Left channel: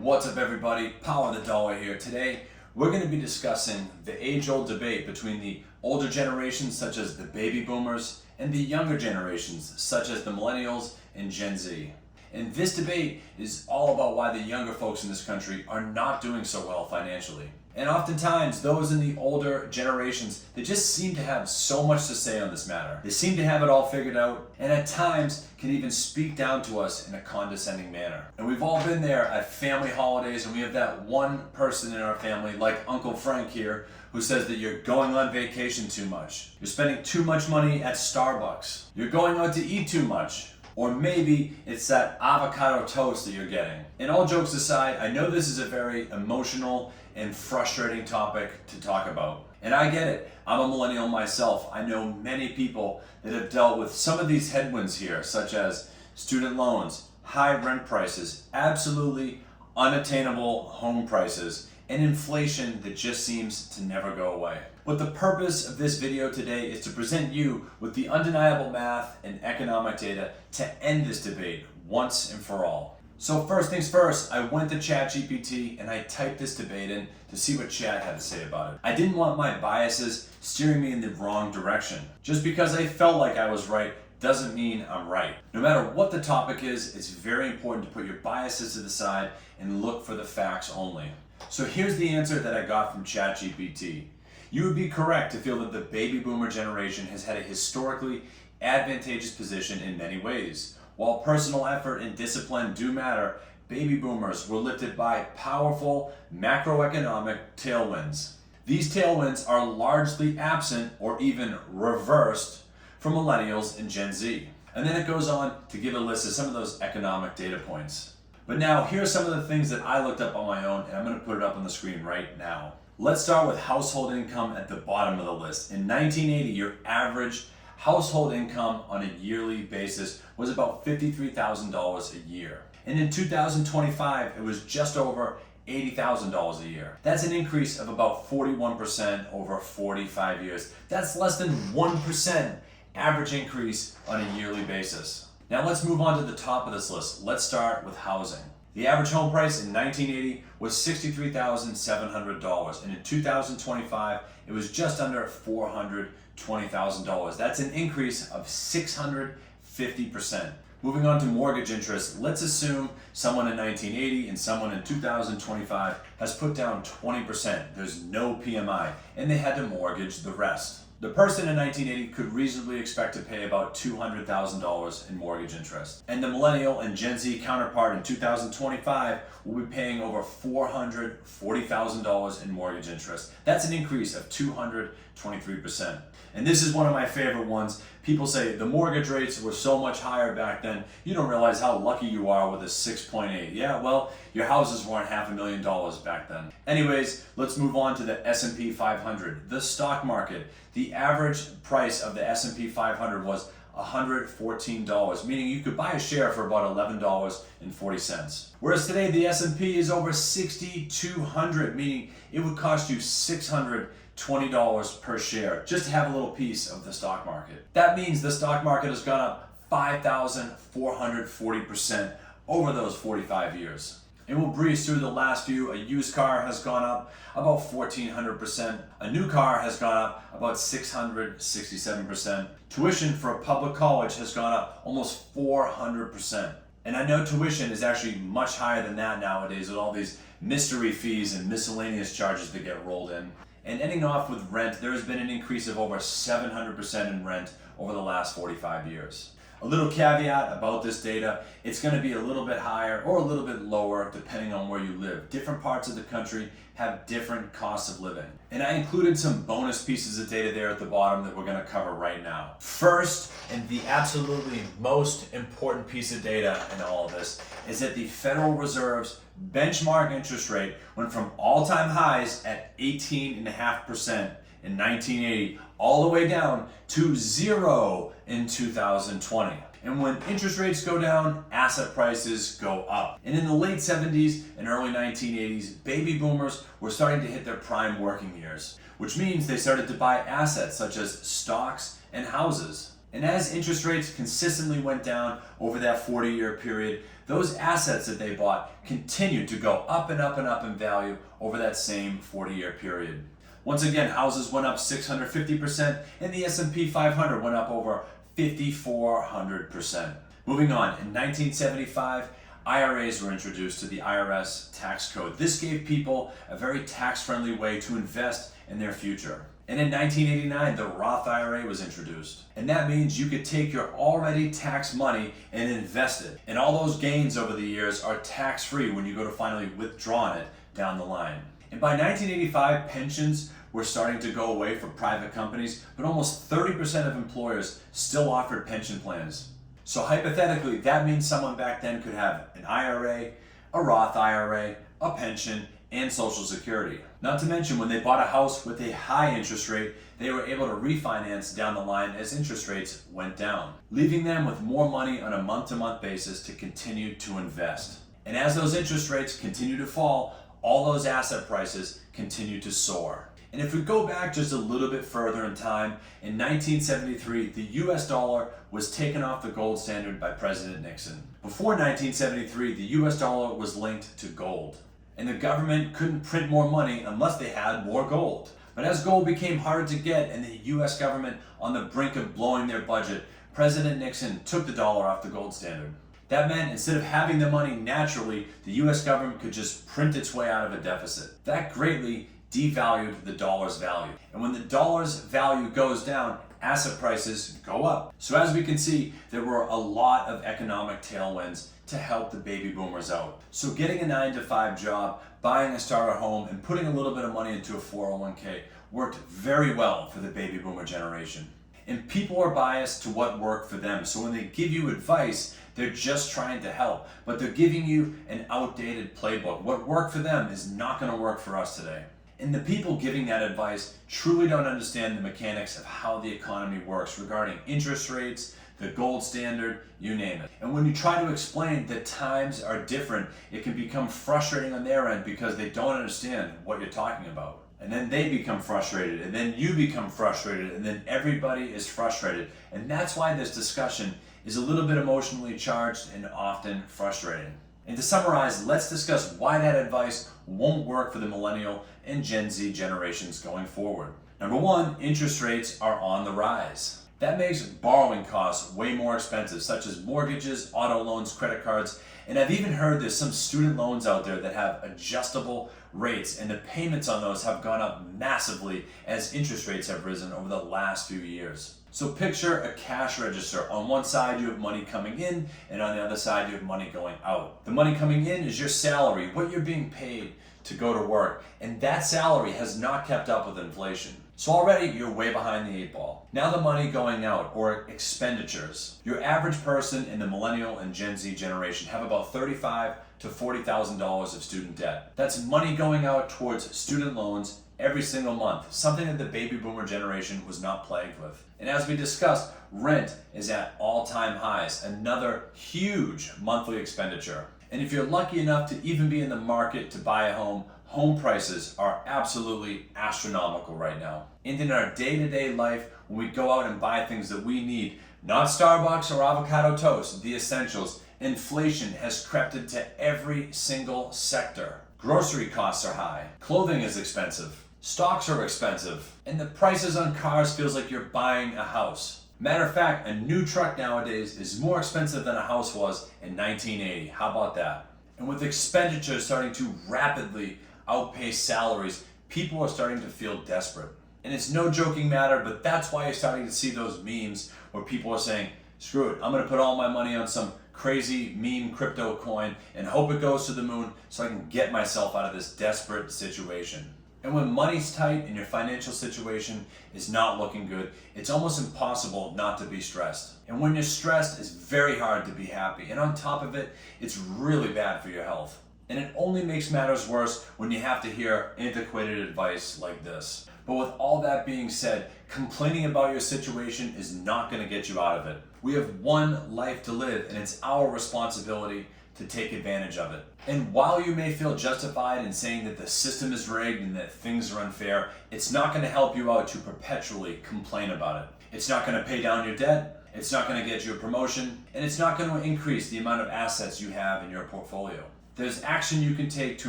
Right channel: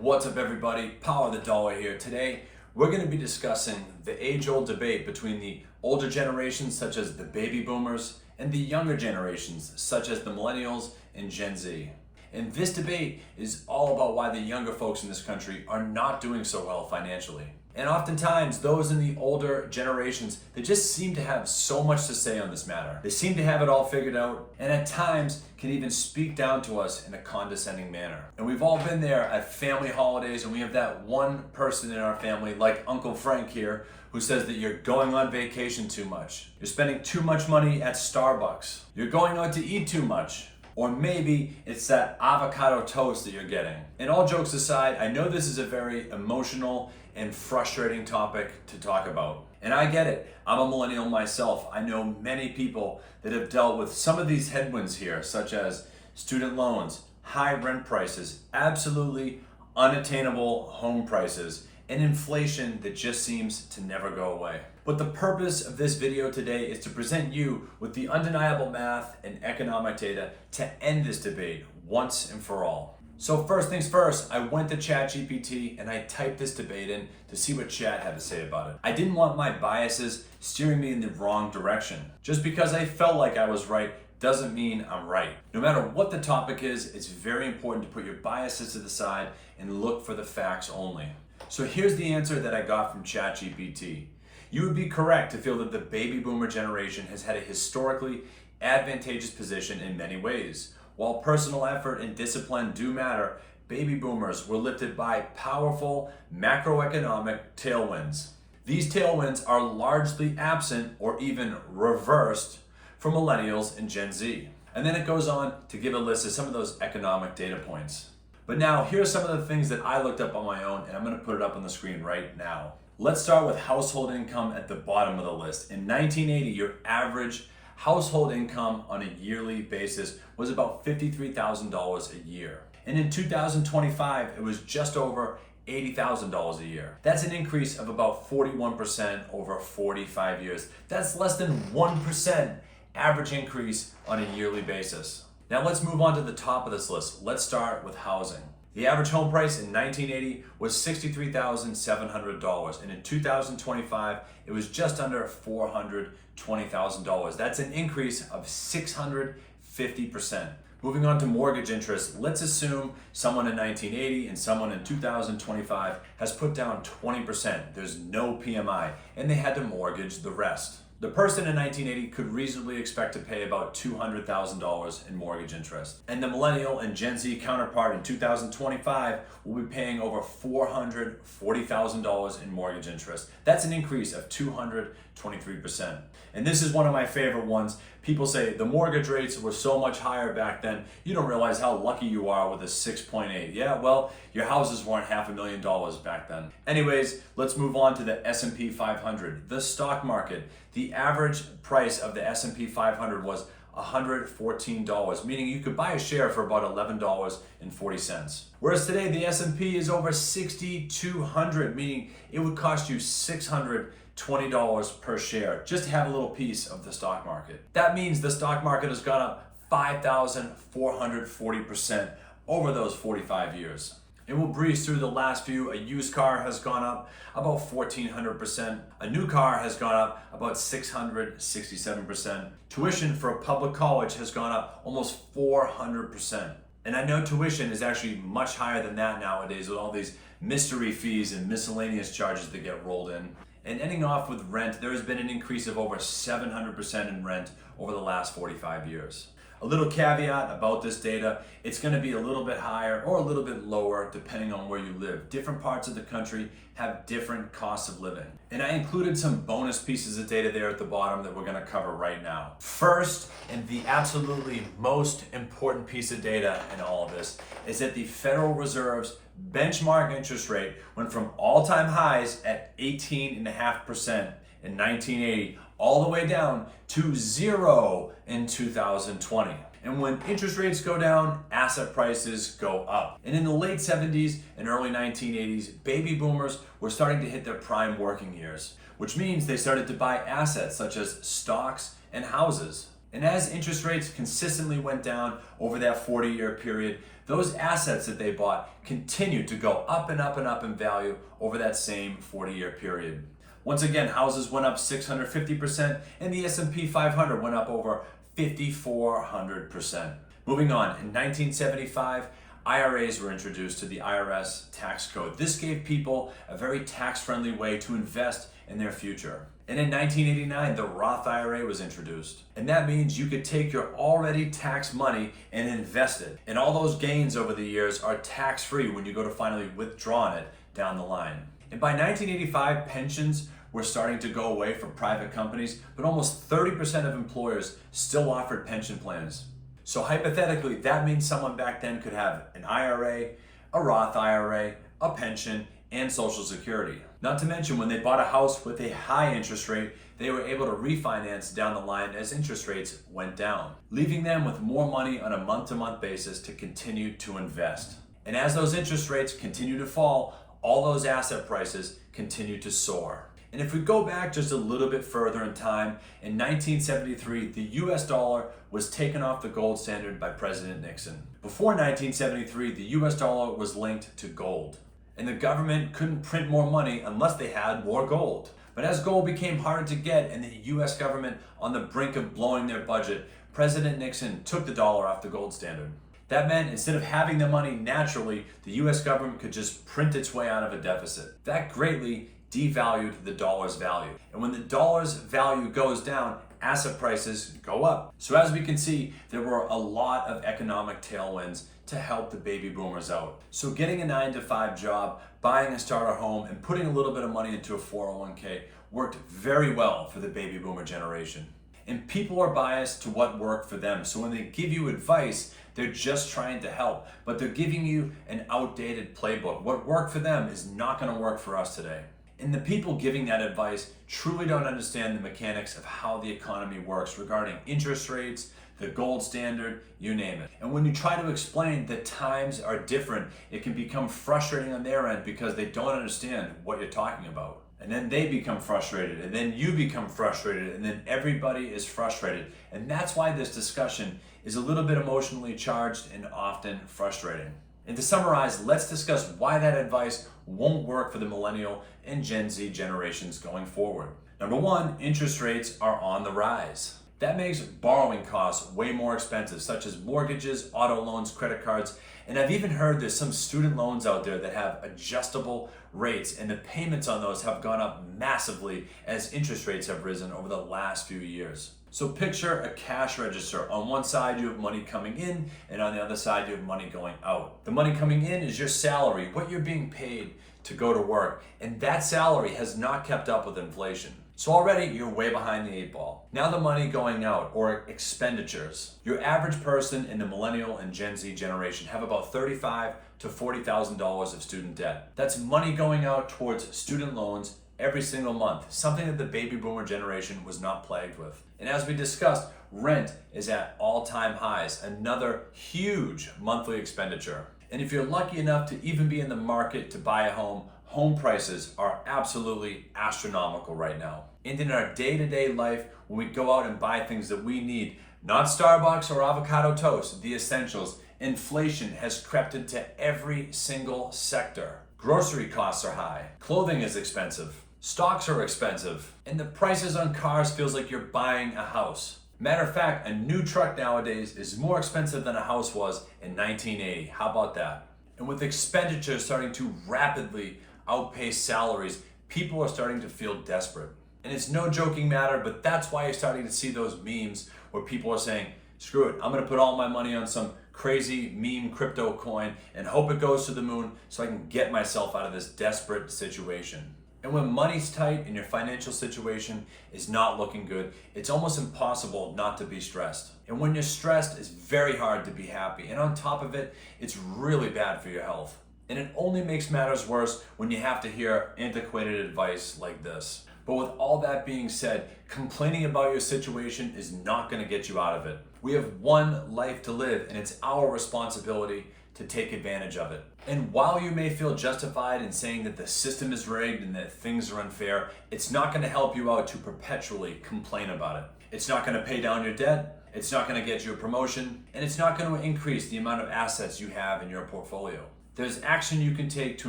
What's up everybody, Power the Dollar here. Today we're going to be discussing the age-old debate between the older generations such as the Baby Boomers and the younger generations such as the Millennials and Gen Z. And this debate is all about why the younger folks in this country are not doing so well financially. And oftentimes those in the older generations, they just seem to have so much to say on this matter. They seem to have it all figured out and at times can even speak down to us in a condescending manner. And we've all been there at family holidays and we have that one person in our family, like Uncle Frank here, who says that you're going on vacation too much. You're spending too much money at Starbucks. You're going out to eat too much. Or maybe it's that avocado toast that you're getting. And all jokes aside, I know this is a very emotional and frustrating topic to talk about. And I get it. I'm a millennial myself. I know many people that have dealt with some of these headwinds here, such as student loans, high rent prices, absolutely unattainable home prices, and inflation that just seems to never go away. But the purpose of this video today is to present you with the undeniable math and economic data to end this debate once and for all. So first things first, I went to ChatGPT and I typed this debate in to see what Chat had to say about it. I didn't want my biases steering me in the wrong direction. Just because I felt like I was right doesn't mean I'm right. No matter what the topic is, it's very important to put your biases to the side and look for the facts only. So here's the answer that I got from ChatGPT. You would be correct to feel that the baby boomer generation has had a historically advantageous position in many ways. While personal effort and discipline do matter, baby boomers were lifted by powerful macroeconomic tailwinds. These tailwinds are largely absent or even reversed for millennials and Gen Z. And then it goes on to give a list of some of those economic data points. But now, here are some of the things that I looked up on my own, and I'm going to put it up on the screen right now. Let's start with household income at the bottom of the list. In 1980, your average household income on a yearly basis was about $53,000 a year. And in 2025, it was just over $80,000 a year. That's an increase of about 41% over 45 years. That's less than 1% average increase on a yearly basis. Now let's move on to the top of this list. Let's start with housing. The average home price in 1980 was $63,700, and in 2025, it was just under $420,000. That's an increase of 650%. Moving on to mortgage interest, let's assume someone in 1980 and someone in 2025 has put down 20%. There's no PMI, and they had to mortgage the rest. The person in 1980 could reasonably expect to pay about $200,000 in mortgage interest. And the Millennial and Gen Z counterpart in 2025 will be paying over $440,000 in mortgage interest. That's an increase of 223%. And this is one of my favorite ones. People say the mortgage rates were so much higher back then, you don't realize how lucky you are with a 6.8. Yeah, well, your houses weren't $500,000 back then. Anyways, let's move on to the S&P 500, the stock market. The average price of the S&P 500 was $114, meaning you could buy a share for about $11.40. Whereas today the S&P is over 6,200, meaning it would cost you $620 per share just to have a little piece of the stock market. That means the stock market has gone up 5,440% over those 45 years. And we'll breeze through the last few. A used car has gone up about 1,400%. A new car has gone up about 667%. Tuition for a public college has gone up almost 400%. And I know tuition is actually much higher than that nowadays with all these mystery fees and miscellaneous charges that get rolled in. And ending off with rent, there has been an increase of over 700% in rent over the last 45 years. A little caveat about this data, it's going to be a little bit higher or a little bit lower depending on where you live. Different parts of the country have different costs of living. And I included some bonus pieces of data there at the bottom that we're going to cover right now. First, and the absolutely most important piece of data in all of this is that the Federal Reserve's benchmark interest rate went from all-time highs at 18.5% in 1980 all the way down to 0 in 2020. And when interest rates go down, asset prices go up. And in the late 70s and early 1980s, baby boomers were starting to hit their prime working years, which means they started to buy assets such as stocks and houses. And as interest rates consistently went down over that 40-year period, those assets that they bought continued to go up and up and up in value over that same 40-year period. Once again, houses went up 650% and the S&P 500 went up over 5,400%. Moving on, in 1975, IRAs were introduced to the IRS tax code. This gave people a very tax-friendly way to invest in their future. And in 1989, the Roth IRA was introduced. And that means you could take your already taxed money and invest it. And all those gains over the years are tax-free when you go to finally withdraw it down the line. And by 1985, pensions were starting to go away for private companies, but almost 30% of employers still offered pension plans. So hypothetically, that means someone back then could have an IRA, a Roth IRA, a pension, and Social Security. Not to mention, when they bought a house with a high interest rate, they were able to refinance down the line as interest rates went down, leaving them with more money on a month-to-month basis to continue to invest. And as those interest rates continue to fall, all those asset prices continue to soar. And if we go back just a little bit further in time, in 1973, the US dollar was taken off the gold standard by President Nixon. Before 1973, the US dollar was linked to gold, and the government couldn't print more money unless they had more gold. But as gold became harder to get and the US government on the brink of blowing their budget, President Nixon took the dollar off the gold standard. That meant instead of having the money naturally, the US government could just print its way out of a deficit. That greatly devalued the dollar's value. And when the dollar's value goes down, asset prices go up. So as we can see, there were a lot of economic tailwinds to help the baby boomers out. So getting a 9-to-5 job, buying a starter home, and putting a little bit of money into a 401k worked very well for the baby boomer generation. And people are biased to what worked for them. So when they give you advice, they're just trying to help, but they're giving you an outdated playbook. What worked for them is not going to work for us today. And the people giving that advice truly don't understand the mechanics of how the economy works regarding interest rates, the gold standard, you name it. And when you try to explain that times are different, it can become frustrating on their end because they don't understand what you're talking about. And then they become frustrated, and then you become frustrated, and then everybody is frustrated. And that's why this discussion is a little bit emotionally charged and often frustrating. And to summarize, let's discuss why that advice won't work for the Millennial and Gen Z generations going forward. Number one, interest rates are on the rise. That makes borrowing costs way more expensive, such as mortgages, auto loans, credit cards, and I've even heard there's some student loans out there that have adjustable rates, and the payments on those have gone up massively as interest rates have risen over the last few years. So picture a cash register. On one side you have money coming in, and on the other side you have money going out. The money coming in is your salary, what you're being paid to go to work, and that salary has not kept up with inflation. So already you're way behind the 8 ball. Now the money going out, or expenditures. Your average person in the Millennial and Gen Z generation have about $35,000 to $40,000 of student debt. That's money going out towards student loans every single month, something that the baby boomer generation was not plagued with. And as we discussed, rent is at all-time highs, another huge monthly expenditure. And if you're lucky enough to even be in the market to buy a home, home prices are absolutely astronomical right now. And in our day-to-day life, when we go out and buy things that we need, not Starbucks or avocado toast, the essentials, inflation has crept into every single sector. Grocery costs are high, clothing is expensive, stocks are expensive, and the prices on cars feels like you're buying a house. Matter of fact, a new truck nowadays is more expensive than a house was in 1980. How about that? And with expenditures starting to rapidly outpace salaries, people are starting to feel desperate. And it's no joking matter, but that's why you're starting to see those memes where people are saying, screw it, I'm gonna put all my money on some crazy meme crypto coin and hope it goes to the moon so I can get myself out of this desperate situation. And when money's tight and your financial situation is not looking good, it's almost impossible not to be stressed. And when you're stressed, it's very hard to be happy. And on top of it, it's really bad for your health. And it only makes matters worse when you have to hear antiquated advice like this. But with all that being said, complaining about your situation is not going to get you out of it. We have one life to live, and it's our responsibility to take advantage of it. And while you may feel justified in saying that the system is rigged and that things are unfair, it's not going to help you out to perpetually complain about it. It's not going to pay down your debt. It's not going to get you a promotion, and it's not going to increase the amount of assets you have in your portfolio. There's action you can take to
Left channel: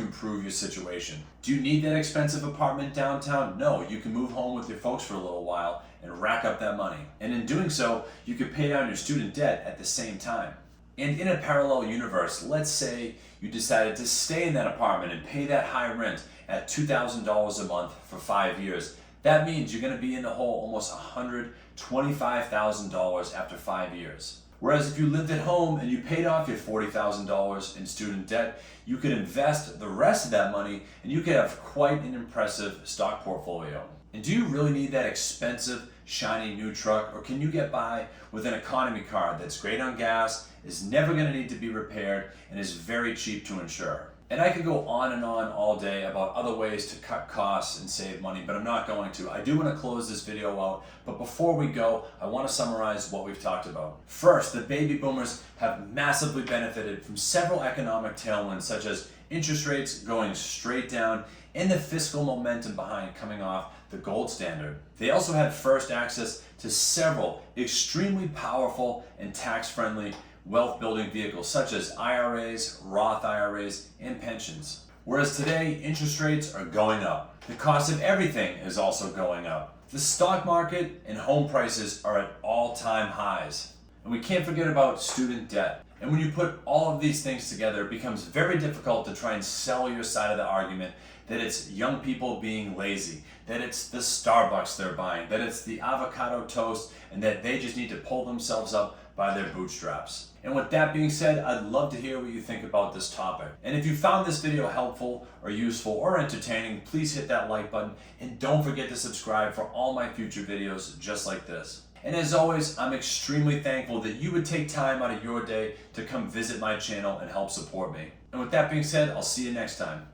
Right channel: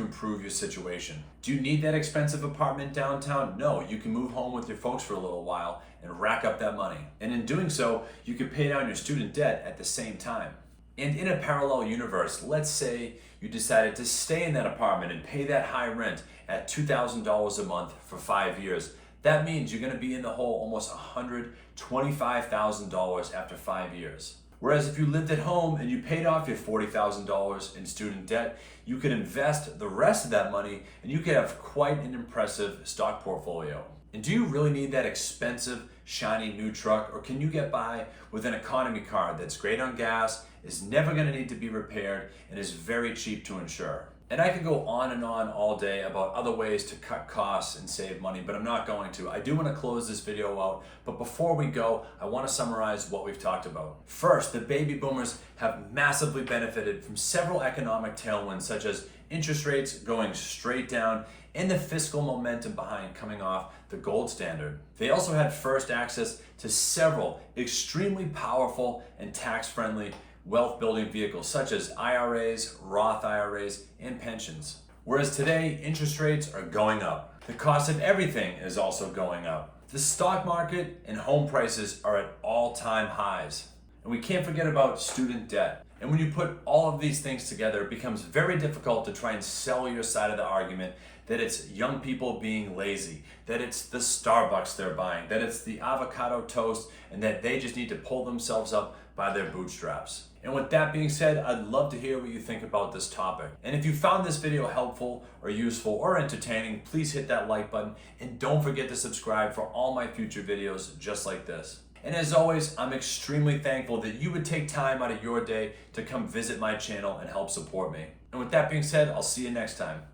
improve your situation. Do you need that expensive apartment downtown? No, you can move home with your folks for a little while and rack up that money. And in doing so, you can pay down your student debt at the same time. And in a parallel universe, let's say you decided to stay in that apartment and pay that high rent at $2,000 a month for 5 years. That means you're going to be in the hole almost $125,000 after 5 years. Whereas if you lived at home and you paid off your $40,000 in student debt, you could invest the rest of that money and you could have quite an impressive stock portfolio. And do you really need that expensive, shiny new truck, or can you get by with an economy car that's great on gas, is never going to need to be repaired, and is very cheap to insure? And I could go on and on all day about other ways to cut costs and save money, but I'm not going to. I do want to close this video out, but before we go, I want to summarize what we've talked about. First, the baby boomers have massively benefited from several economic tailwinds, such as interest rates going straight down and the fiscal momentum behind coming off the gold standard. They also had first access to several extremely powerful and tax-friendly wealth building vehicles such as IRAs, Roth IRAs, and pensions. Whereas today, interest rates are going up. The cost of everything is also going up. The stock market and home prices are at all-time highs. And we can't forget about student debt. And when you put all of these things together, it becomes very difficult to try and sell your side of the argument that it's young people being lazy, that it's the Starbucks they're buying, that it's the avocado toast, and that they just need to pull themselves up by their bootstraps. And with that being said, I'd love to hear what you think about this topic. And if you found this video helpful or useful or entertaining, please hit that like button and don't forget to subscribe for all my future videos just like this. And as always, I'm extremely thankful that you would take time out of your day to come visit my channel and help support me. And with that being said, I'll see you next time.